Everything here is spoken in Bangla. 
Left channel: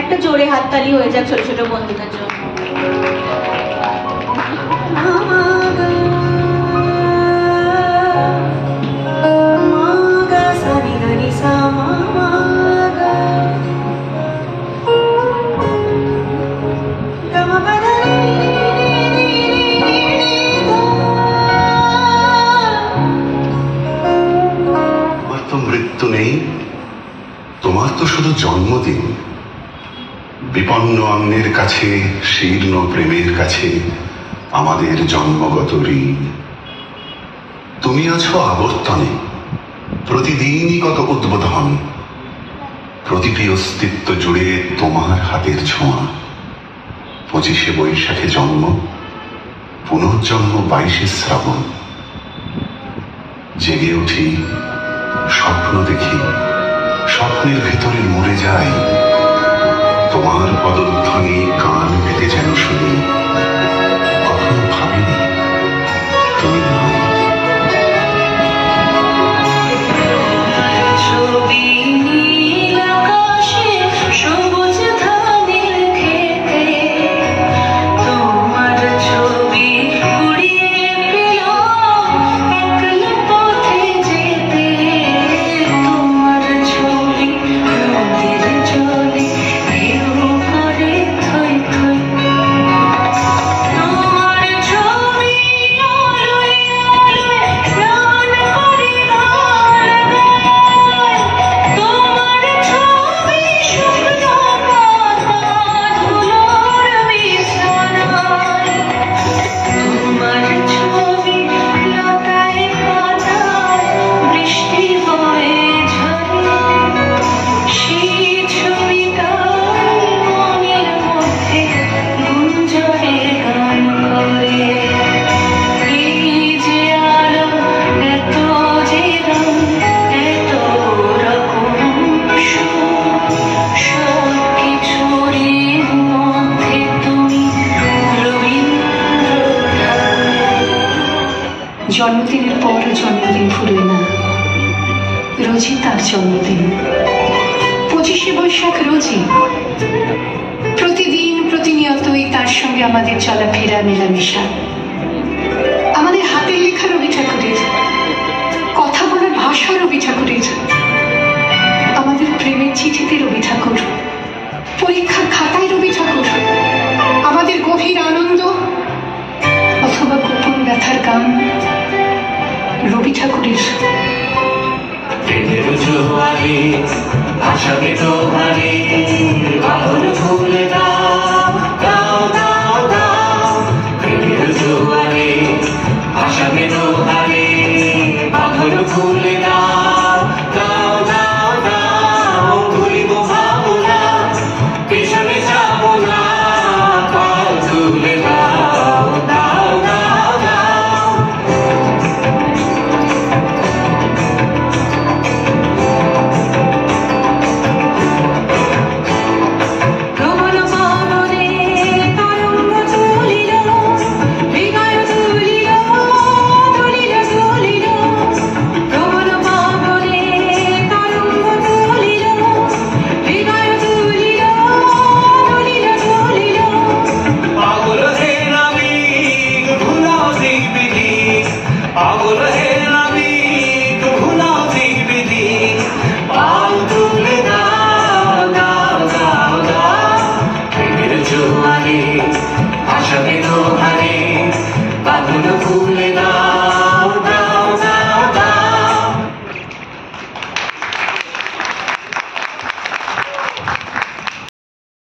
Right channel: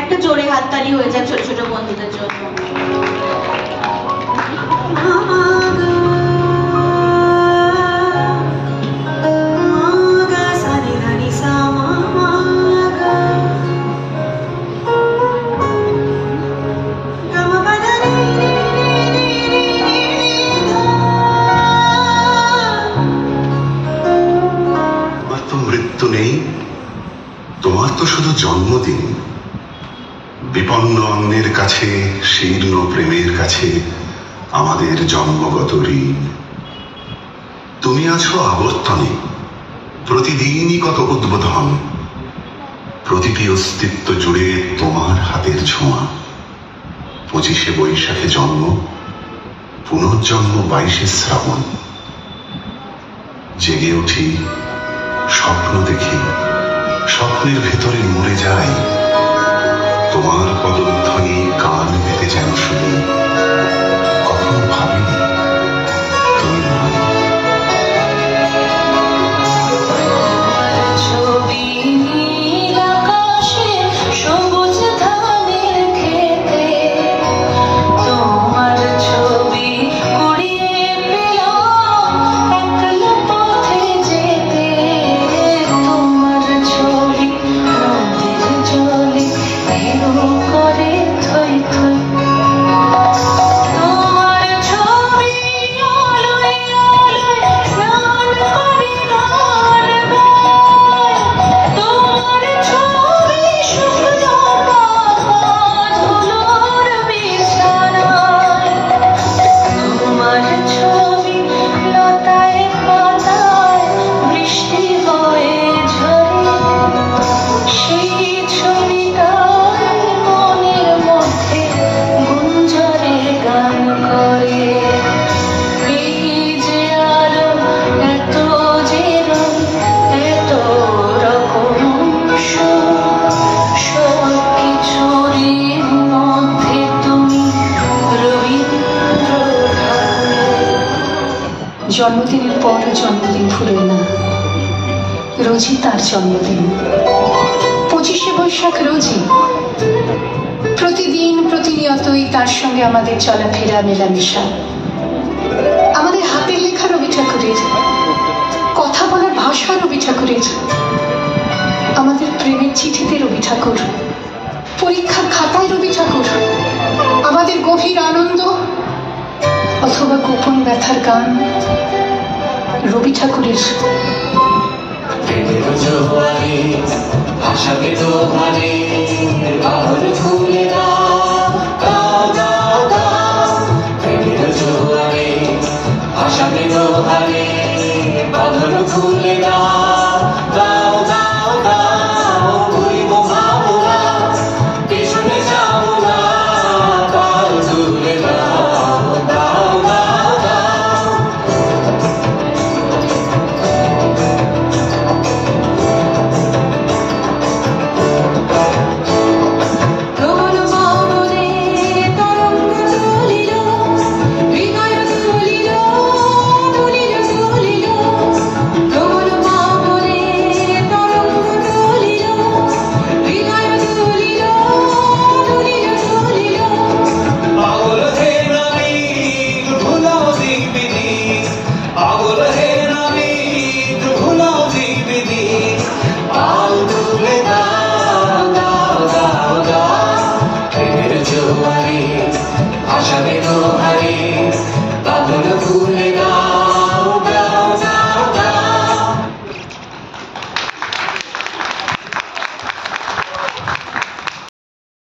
একটা জোরে হাততালি হয়ে যাক ছোট ছোট বন্ধুদের জন্য। মৃত্যু নেই, তোমার তো শুধু জন্মদিন। বিপন্ন অঙ্গের কাছে, শীর্ণ প্রেমের কাছে আমাদের জন্মগত ঋণ। তুমি আছো আবর্তনে, প্রতিদিনই কত উদ্বোধন। প্রতিটি অস্তিত্ব জুড়ে তোমার হাতের ছোঁয়া। 25শে বৈশাখে জন্ম, পুনর্জন্ম 22শে শ্রাবণ। জেগে উঠি, স্বপ্ন দেখি, স্বপ্নের ভেতরে মরে যাই। তোমার পদধ্বনি কান পেতে যেন শুনি, কখনো ভাবিনি তুমি নাই। জন্মদিনের পর জন্মদিন ফুরোয় না, রোজই তার জন্মদিন। 25শে বৈশাখ রোজই, প্রতিদিন প্রতিনিয়তই তার সঙ্গে আমাদের চলাফেরা মেলামেশা। আমাদের হাতের লেখা রবি ঠাকুরের, কথা বলার ভাষা রবি ঠাকুরের, আমাদের প্রেমের চিঠিতে রবি ঠাকুর, পরীক্ষার খাতায় রবি ঠাকুর, আমাদের গভীর আনন্দ অথবা গোপন ব্যথার গান রবি ঠাকুরের। প্রেমের জোয়ারে ভাসাবে তোমারে, বাঁধন খুলে দাও দাও দাও দাও। প্রেমের জোয়ারে ভাসাবে তোমারে, বাঁধন খুলে